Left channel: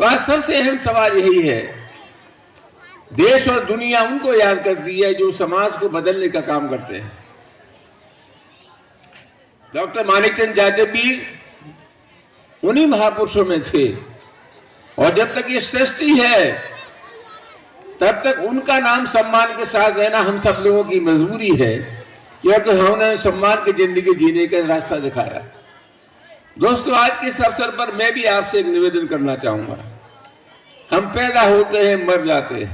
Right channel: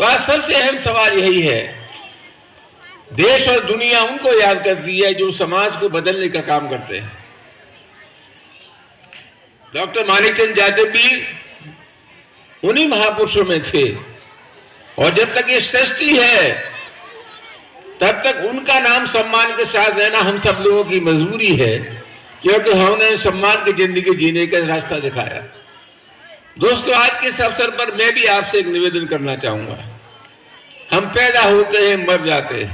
तो आज सबसे अहम सवाल यही है, देश और दुनिया उनको याद करती है जो समाज को बदलने का काम करते हैं। डॉक्टर मानिकचंद जाटव भी उन्हीं महापुरुषों में थे, और जब तक ये सृष्टि है तब तक उनका नाम सम्मान के साथ रहना हम सब लोगों की मजबूरी है, क्योंकि हमने सम्मान की जिंदगी जीने का रास्ता दिखाया। दोस्तों, आज के इस अवसर पर मैं भी आपसे एक निवेदन करना चाहूंगा। हम पैदा होते हैं, मर जाते हैं,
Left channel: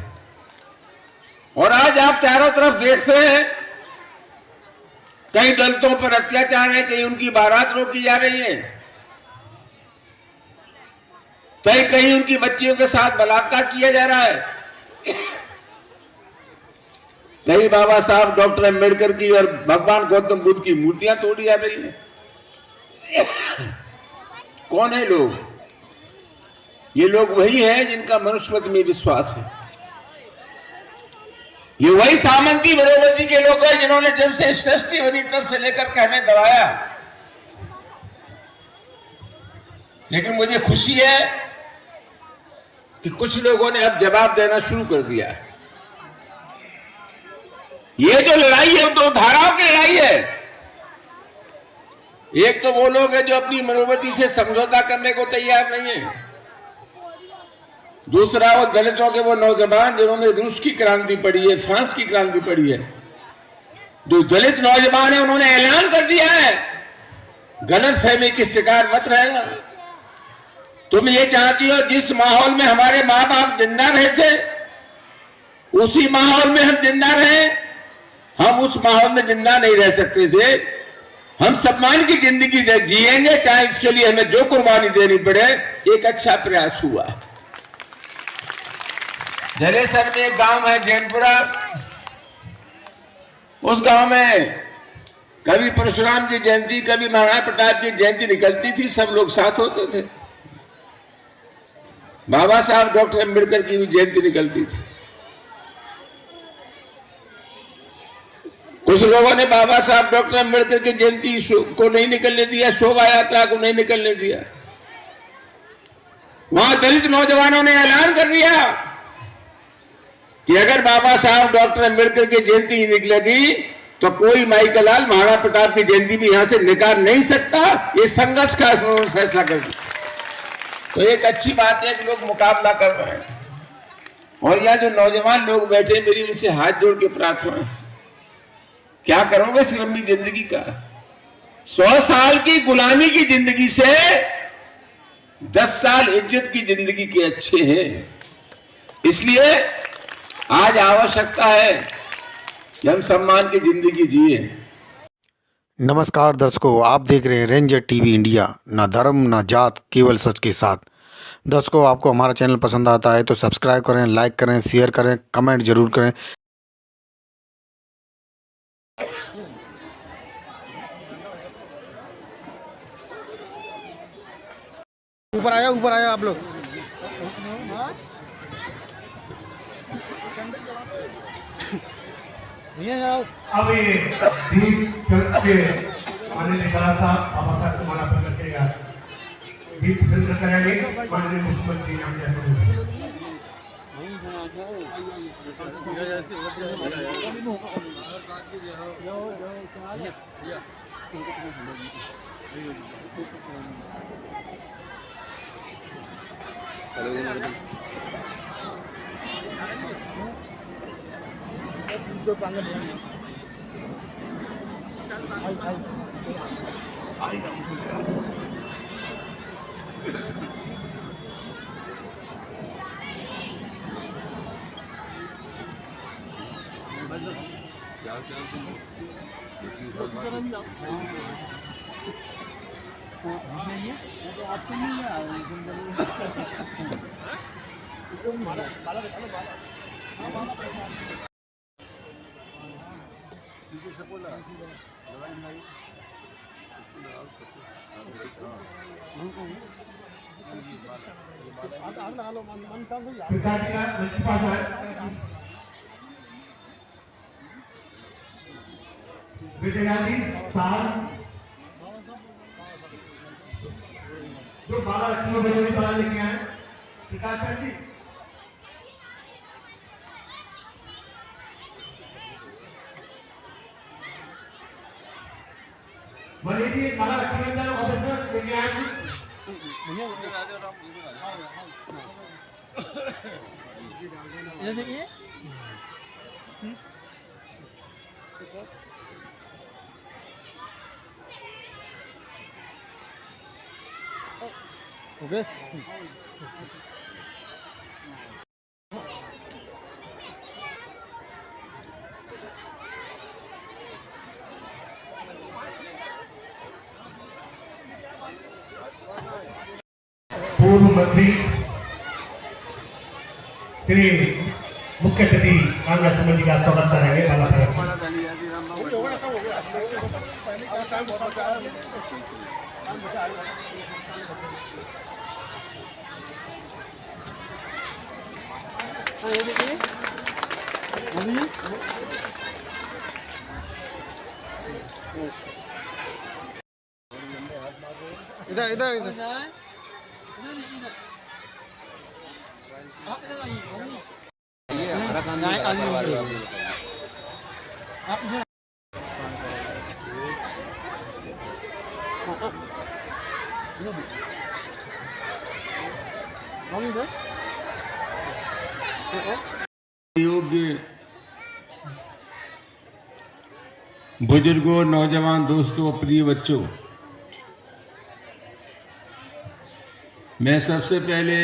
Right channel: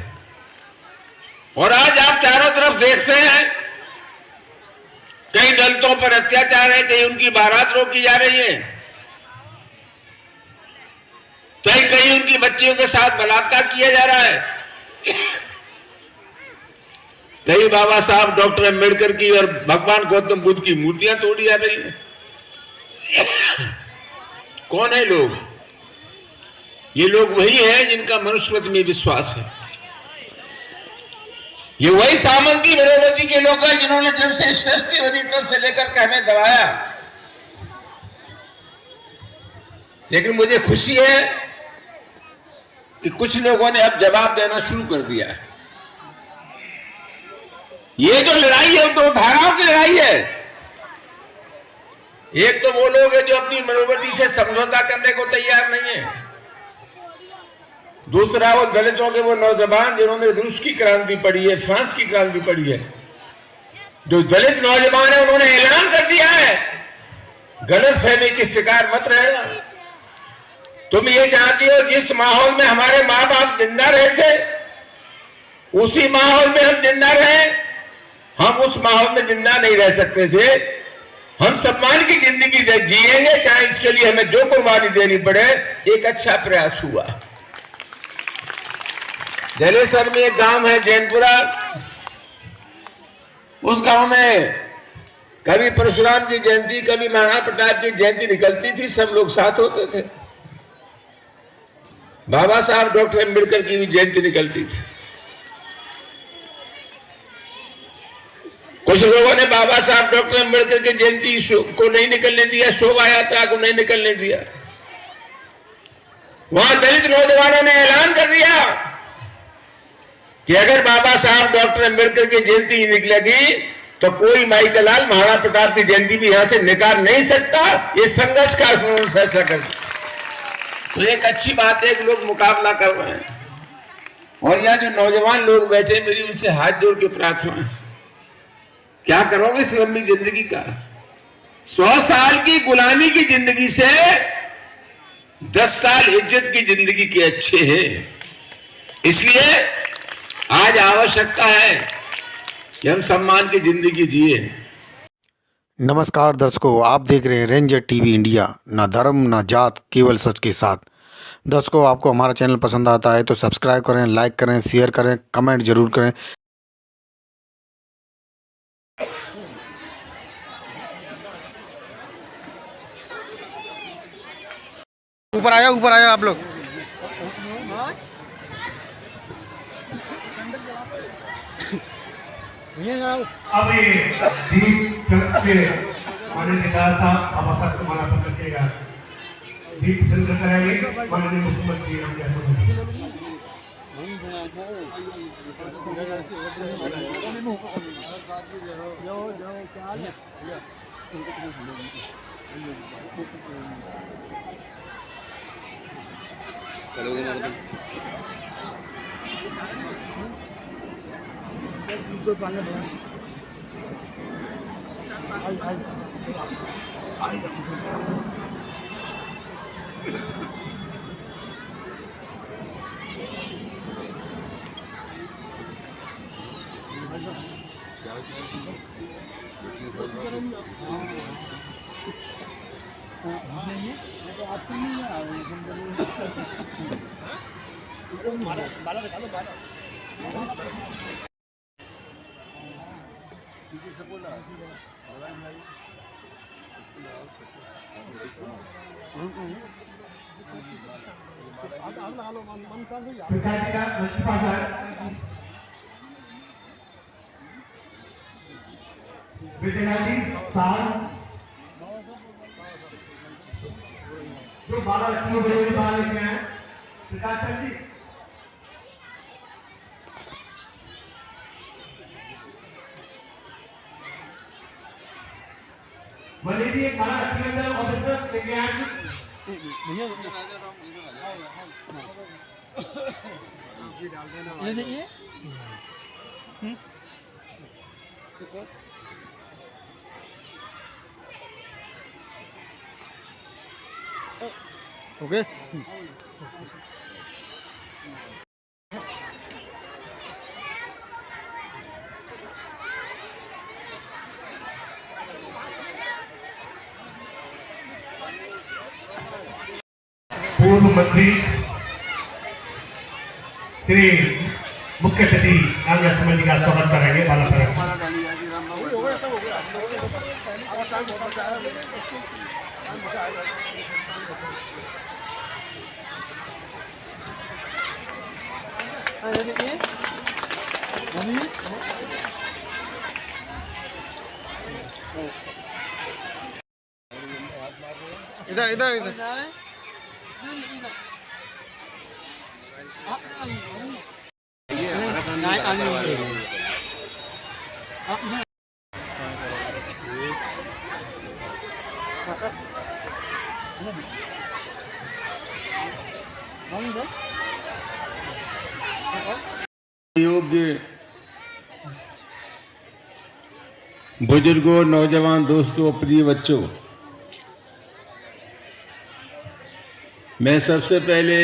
और आज आप चारों तरफ देखते हैं कई दलितों पर अत्याचार है, कहीं उनकी बारात रोकी जा रही है, कहीं उनकी बच्चियों के साथ बलात्कार किया जा रहा है, कहीं बाबा साहब डॉक्टर अम्बेडकर की और भगवान गौतम बुद्ध की मूर्तियां तोड़ी जा रही हैं। कौन है लोग? ये लोग वही हैं जिनका मनुष्यत्व में विश्वास है। ये वही सामंती बड़ोवती के लोग हैं जिन्होंने जब से सृष्टि बनी तब से लेकर के हमें दबाया। लेकिन मुझे खुशी है कि कुछ लोगों ने अब जवाब देना शुरू कर दिया है। ये जो लड़ाई है वो दो धाराओं की लड़ाई है। एक तो वो लोग हैं जो अपनी मनोवृत्ति से समझौता करने को तैयार नहीं है, दूसरा वो दलितों के वो नौजवान जिन्होंने रूस की क्रांति पढ़ी है, फ्रांस की क्रांति पढ़ी है। जो दलित नौजवान है उन्होंने ऐलान कर दिया है, गलतफहमी की शिकार मत रहेगा। तुम ये चाहती हो जिस माहौल में हमारे माँ बाप जिंदा रहे थे उसी माहौल में हम जिंदा रहे। हम उस माहौल में जिंदा नहीं रह सकते थे। हम सम्मान की जिंदगी जिएंगे, चाहे इसके लिए हमें जो कुर्बानी देनी पड़े। एक अच्छा प्रयास हुआ। जलेसर में एक गांव है जैनपुरा, उस गांव में कभी परशुराम की जयंती, कभी महाराणा प्रताप की जयंती निकलती थी, सब लोग साथ होते थे। बाबा साहब डॉक्टर अम्बेडकर की भी जयंती निकलती थी। कुछ लोगों ने बाबा साहब डॉक्टर अम्बेडकर की जयंती को नहीं निकलने दिया, शोभा यात्रा को नहीं निकलने दिया। वहां दलित नौजवानों ने ऐलान कर दिया कि अगर बाबा साहब डॉक्टर अम्बेडकर की जयंती ही निकलेगी तो कोई माइकल लाल महाराणा प्रताप की जयंती भी यहां से निकाल नहीं सकता। ये संघर्ष का उन्होंने फैसला कर दिया। तो एक अच्छी बात है कि लोग मुकाबला कर रहे हैं। और यहाँ जो नौजवान लोग बैठे, मेरी उनसे हाथ जोड़ के प्रार्थना है, क्या करोगे इस लंबी जिंदगी का? 100 साल की गुलामी की जिंदगी से 10 साल इज्जत की जिंदगी के अच्छे हैं। इसलिए आज आवश्यकता है कि हम सम्मान की जिंदगी जिए। नमस्कार दर्शकों, आप देख रहे हैं रेंजर टीवी इंडिया। ना धर्म ना जात, केवल सच के साथ। दर्शकों, आपको हमारा चैनल पसंद आता है तो सब्सक्राइब करें, लाइक करें, शेयर करें, कमेंट जरूर करें। ऊपर आया आप लोग। अब ये दीप के मैंने निकाला था, अब आपका तुम्हारा पकड़ के यार दीप फिल्म करेंगे माननीय मुख्यमंत्री विद्यार्थी साहब जो बाबा क्यों बड़े लेके आए प्रकाश सर जी मनी जी एक खाना रखी अंदर ऑफिसर लेके आए ओके पूर्व मंत्री श्री मुख्य अतिथि कांग्रेस मंत्री का स्वागत करेंगे बाला साहब इधर इधर इधर योग्य बुजुर्गों, नौजवान दोस्तों, प्रिय बच्चों, मैं सबसे पहले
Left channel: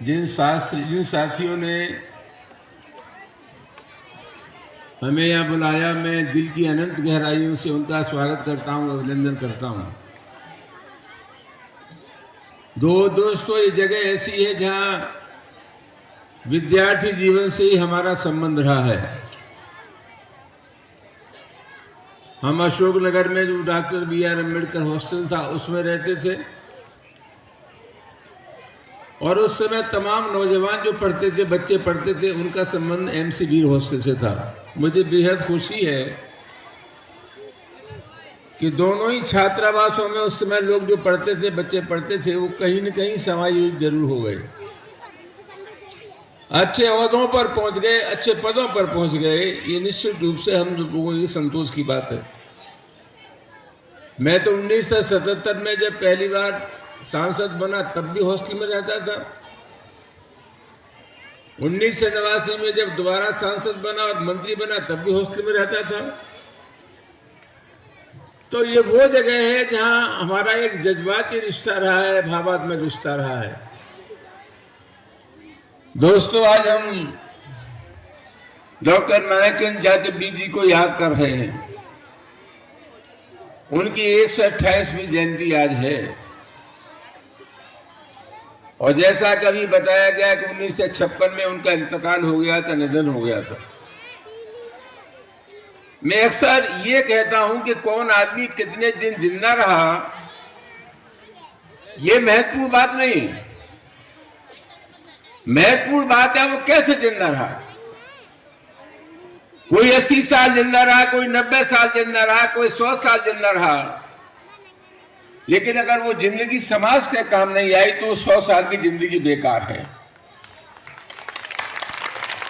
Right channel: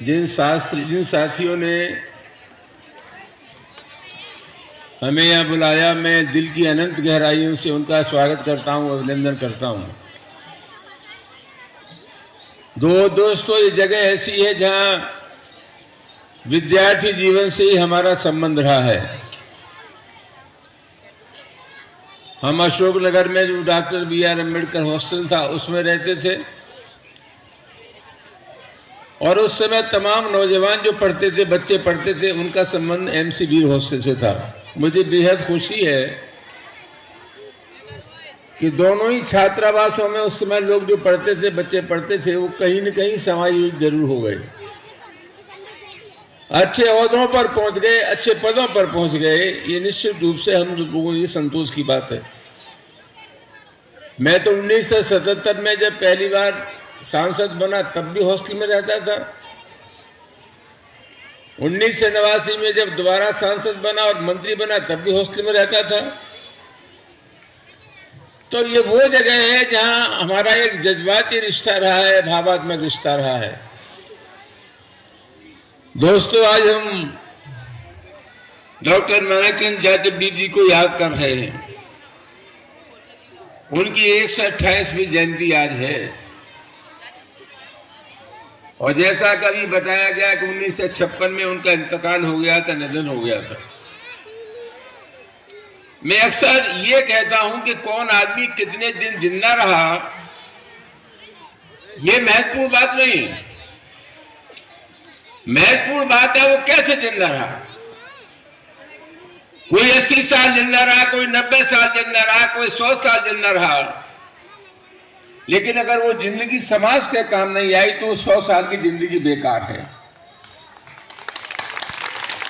जिन साथियों ने हमें यहाँ बुलाया, मैं दिल की अनंत गहराइयों से उनका स्वागत करता हूँ, अभिनंदन करता हूँ। दोस्तों, ये जगह ऐसी है जहाँ विद्यार्थी जीवन से ही हमारा संबंध रहा है। हम अशोकनगर में जो डॉक्टर बी.आर. अम्बेडकर हॉस्टल था उसमें रहते थे और उस समय तमाम नौजवान जो पढ़ते थे, बच्चे पढ़ते थे, उनका संबंध एम.सी. वीर हॉस्टल से था। मुझे बेहद खुशी है कि दोनों ही छात्रावासों में उस समय लोग जो पढ़ते थे, बच्चे पढ़ते थे, वो कहीं न कहीं समायोजित जरूर हो गए, अच्छे ओहदों पर पहुंच गए, अच्छे पदों पर पहुंच गए। ये निश्चित रूप से हम लोगों को ये संतोष की बात है। मैं तो 1977 में जब पहली बार सांसद बना तब भी हॉस्टल में रहता था। 1989 में जब दोबारा सांसद बना और मंत्री बना तब भी हॉस्टल में रहता था। तो ये वो जगह है जहां हमारा एक जज्बाती रिश्ता रहा है, भावात्मक रिश्ता रहा है। दोस्तों, आज हम डॉक्टर नारायण जाटव जी को याद कर रहे हैं। उनकी 128वीं जयंती आज है और जैसा कभी बताया गया कि 1956 में उनका इंतकाल हो गया था, निधन हो गया था। मैं अक्सर ये कहता हूं कि कौन आदमी कितने दिन जिंदा रहा, ये महत्वपूर्ण बात नहीं। महत्वपूर्ण बात है वो कैसे जिंदा रहा। कोई 80 साल जिंदा रहा, कोई 90 साल जिंदा रहा, कोई 100 साल जिंदा रहा, लेकिन अगर वो जिंदगी समाज के काम नहीं आई तो 100 साल की जिंदगी बेकार है।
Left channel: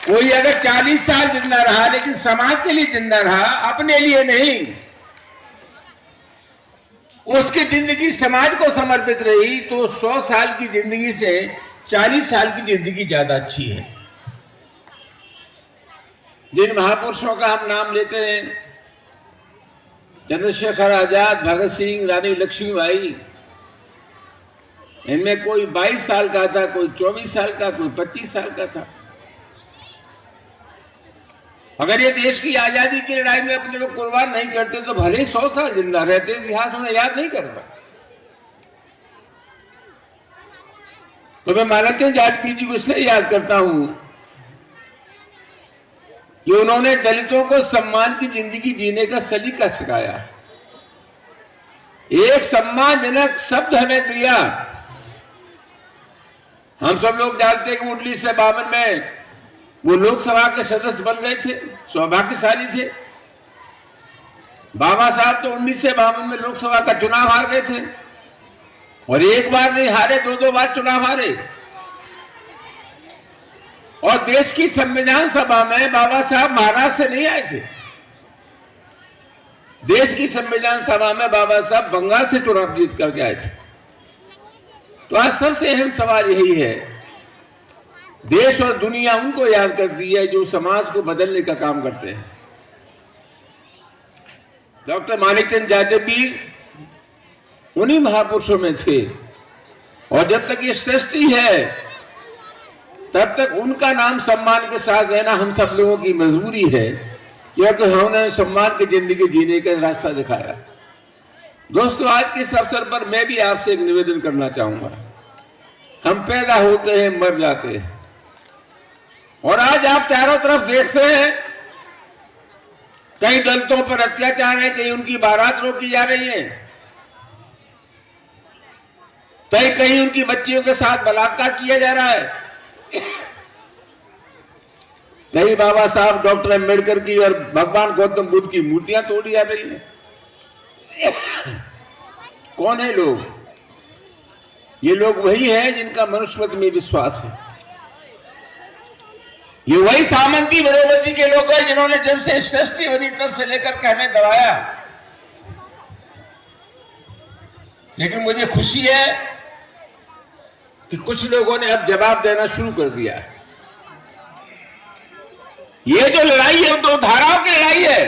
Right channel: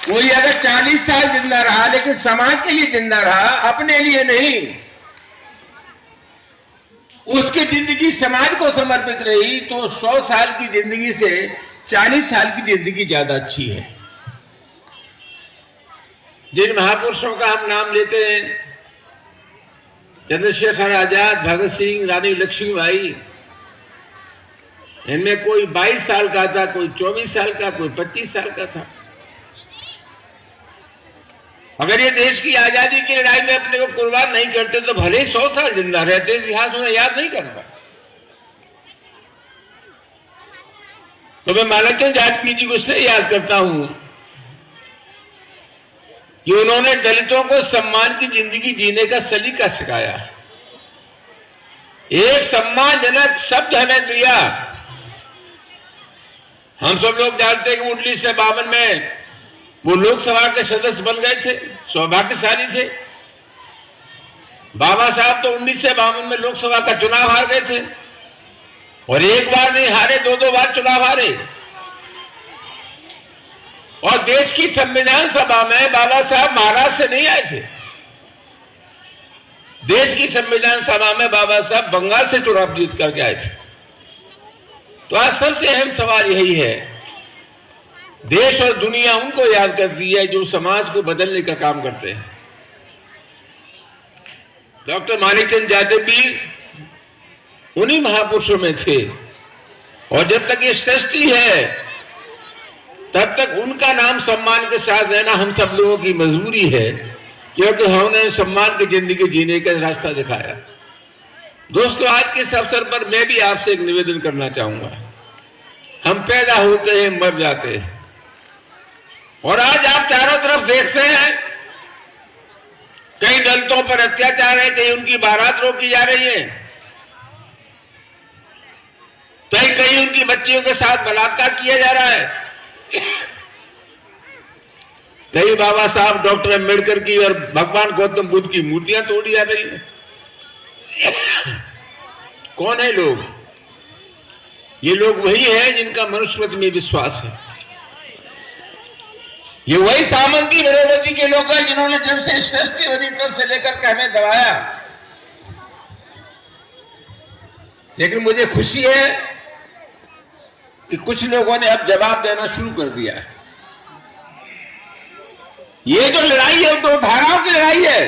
कोई अगर 40 साल जिंदा रहा लेकिन समाज के लिए जिंदा रहा, अपने लिए नहीं, उसकी जिंदगी समाज को समर्पित रही, तो 100 साल की जिंदगी से 40 साल की जिंदगी ज्यादा अच्छी है। जिन महापुरुषों का हम नाम लेते हैं, चंद्रशेखर आजाद, भगत सिंह, रानी लक्ष्मीबाई, इनमें कोई 22 साल का था, कोई 24 साल का, कोई 25 साल का था। अगर ये देश की आजादी की लड़ाई में अपने को कुर्बान नहीं करते तो भले ही 100 साल जिंदा रहते, इतिहास उन्हें याद नहीं करता। तो मैं मालाचंद जाटवी जी को इसलिए याद करता हूं कि उन्होंने दलितों को सम्मान की जिंदगी जीने का सलीका सिखाया। एक सम्मानजनक शब्द हमें दिया। हम सब लोग जानते हैं कि 1952 में वो लोकसभा के सदस्य बन गए थे, सौभाग्यशाली थे। बाबा साहब तो 1952 में लोकसभा का चुनाव हार गए थे और एक बार नहीं हारे, 2-2 बार चुनाव हारे। और देश की संविधान सभा में बाबा साहब महाराष्ट्र से नहीं आए थे। देश की संविधान सभा में बाबा साहब बंगाल से चुनाव जीत करके आए थे। तो आज सबसे अहम सवाल यही है, देश और दुनिया उनको याद करती है जो समाज को बदलने का काम करते हैं। डॉक्टर मानिकचंद जाटव भी उन्हीं महापुरुषों में थे। और जब तक ये सृष्टि है तब तक उनका नाम सम्मान के साथ रहना हम सब लोगों की मजबूरी है, क्योंकि हमने सम्मान की जिंदगी जीने का रास्ता दिखाया। दोस्तों, आज के इस अवसर पर मैं भी आपसे एक निवेदन करना चाहूंगा। हम पैदा होते हैं, मर जाते हैं, और आज आप चारों तरफ देखते हैं कई दलितों पर अत्याचार है, कहीं उनकी बारात रोकी जा रही है, कहीं उनकी बच्चियों के साथ बलात्कार किया जा रहा है, कहीं बाबा साहब डॉक्टर अम्बेडकर की और भगवान गौतम बुद्ध की मूर्तियां तोड़ी जा रही हैं। कौन है लोग? ये लोग वही हैं जिनका मनुष्यत्व में विश्वास है। ये वही सामंती बड़ोवती के लोग हैं जिन्होंने जब से सृष्टि बनी तब से लेकर के हमें दबाया। लेकिन मुझे खुशी है कि कुछ लोगों ने अब जवाब देना शुरू कर दिया है। ये जो लड़ाई है वो 2 धाराओं की लड़ाई है।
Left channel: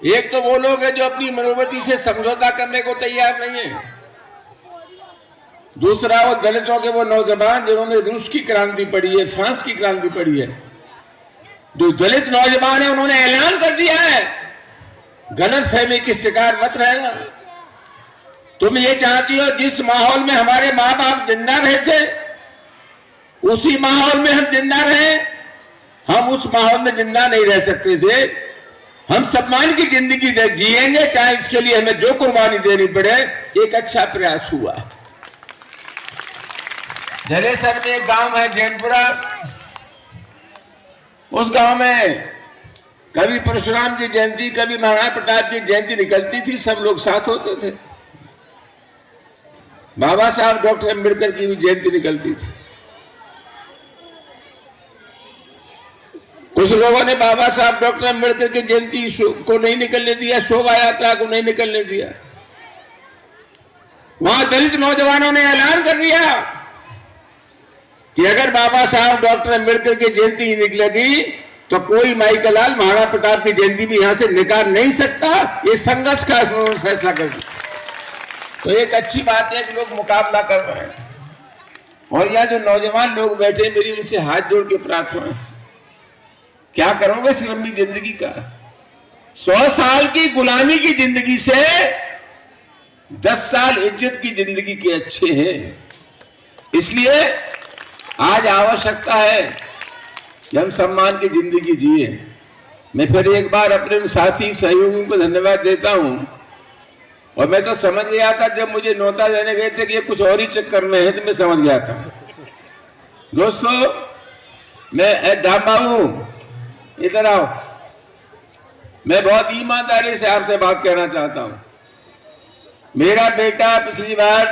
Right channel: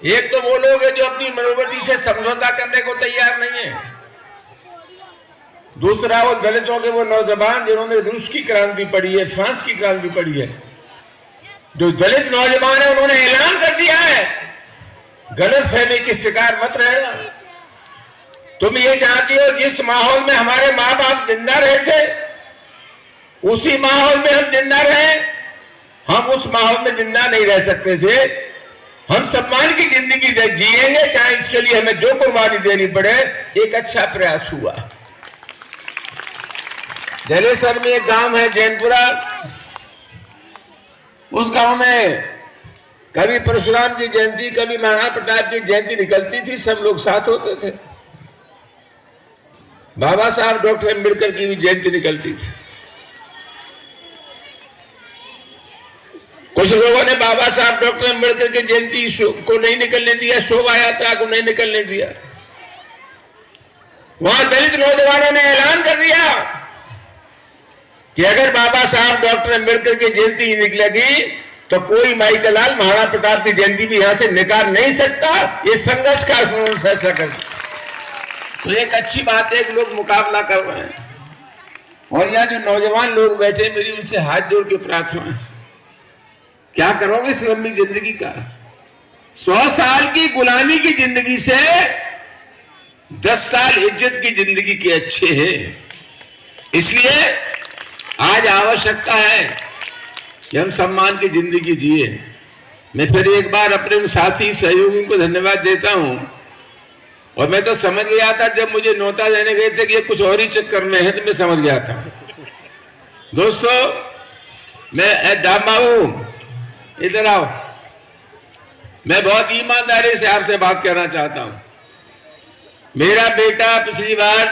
एक तो वो लोग हैं जो अपनी मनोवृत्ति से समझौता करने को तैयार नहीं है। दूसरा वो दलितों के वो नौजवान जिन्होंने रूस की क्रांति पढ़ी है, फ्रांस की क्रांति पढ़ी है। जो दलित नौजवान है उन्होंने ऐलान कर दिया है, गलतफहमी की शिकार मत रहेगा। तुम ये चाहती हो जिस माहौल में हमारे माँ बाप जिंदा रहे थे उसी माहौल में हम जिंदा रहे। हम उस माहौल में जिंदा नहीं रह सकते थे। हम सम्मान की जिंदगी जिएंगे, चाहे इसके लिए हमें जो कुर्बानी देनी पड़े। एक अच्छा प्रयास हुआ। जलेसर में एक गांव है जैनपुरा, उस गांव में कभी परशुराम की जयंती, कभी महाराणा प्रताप की जयंती निकलती थी, सब लोग साथ होते थे। बाबा साहब डॉक्टर अम्बेडकर की भी जयंती निकलती थी। कुछ लोगों ने बाबा साहब डॉक्टर अम्बेडकर की जयंती को नहीं निकलने दिया, शोभा यात्रा को नहीं निकलने दिया। वहां दलित नौजवानों ने ऐलान कर दिया कि अगर बाबा साहब डॉक्टर अम्बेडकर की जयंती निकलेगी तो कोई माइकलाल महाराणा प्रताप की जयंती भी यहां से निकाल नहीं सकता। ये संघर्ष का उन्होंने फैसला कर दिया। तो एक अच्छी बात है कि लोग मुकाबला कर रहे हैं। और यहाँ जो नौजवान लोग बैठे, मेरी उनसे हाथ जोड़ के प्रार्थना है, क्या करोगे इस लंबी जिंदगी का? 100 साल की गुलामी की जिंदगी से 10 साल इज्जत की जिंदगी के अच्छे हैं। इसलिए आज आवश्यकता है कि हम सम्मान की जिंदगी जिए। मैं फिर एक बार अपने उन साथी सहयोगियों को धन्यवाद देता हूं। और मैं तो समझ गया था जब मुझे न्योता देने गए थे कि ये कुछ और ही चक्कर में है, तो मैं समझ गया था। दोस्तों, मैं दामाऊ इधर आओ, मैं बहुत ईमानदारी से आपसे बात करना चाहता हूं। मेरा बेटा पिछली बार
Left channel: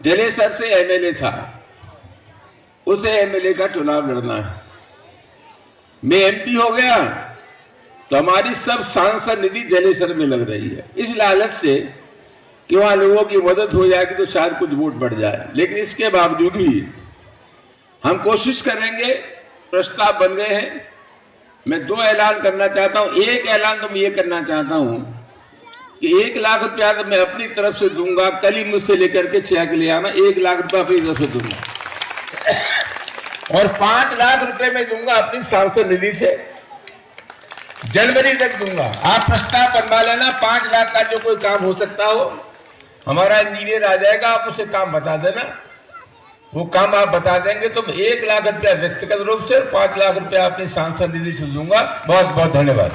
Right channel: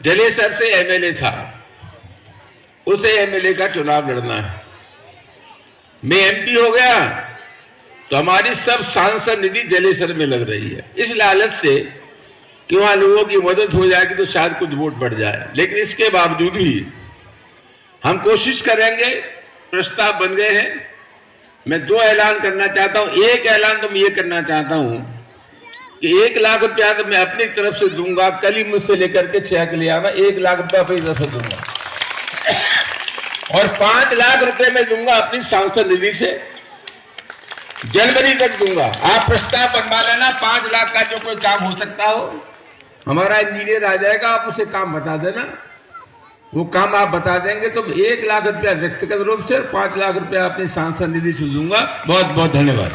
जलेसर से एमएलए था, उसे एमएलए का चुनाव लड़ना है। मैं एमपी हो गया तो हमारी सब सांसद निधि जलेसर में लग रही है, इस लालच से कि वहां लोगों की मदद हो जाएगी तो शायद कुछ वोट बढ़ जाए। लेकिन इसके बावजूद भी हम कोशिश करेंगे। प्रस्ताव बन गए हैं। मैं 2 ऐलान करना चाहता हूं। एक ऐलान तो मैं ये करना चाहता हूं कि 1 लाख रुपया तो मैं अपनी तरफ से दूंगा। कल ही मुझसे लेकर के चेक ले आना, 1 लाख रुपया अपनी तरफ से दूंगा और 5 लाख रुपए मैं दूंगा अपनी सांसद निधि से, जनवरी तक दूंगा। आप प्रस्ताव बनवा लेना। 5 लाख का जो कोई काम हो सकता हो, हमारा इंजीनियर आ जाएगा, आप उसे काम बता देना। वो काम आप बता देंगे तो 1 लाख रुपया व्यक्तिगत रूप से, 5 लाख रुपया अपनी सांसद निधि से दूंगा। बहुत बहुत धन्यवाद।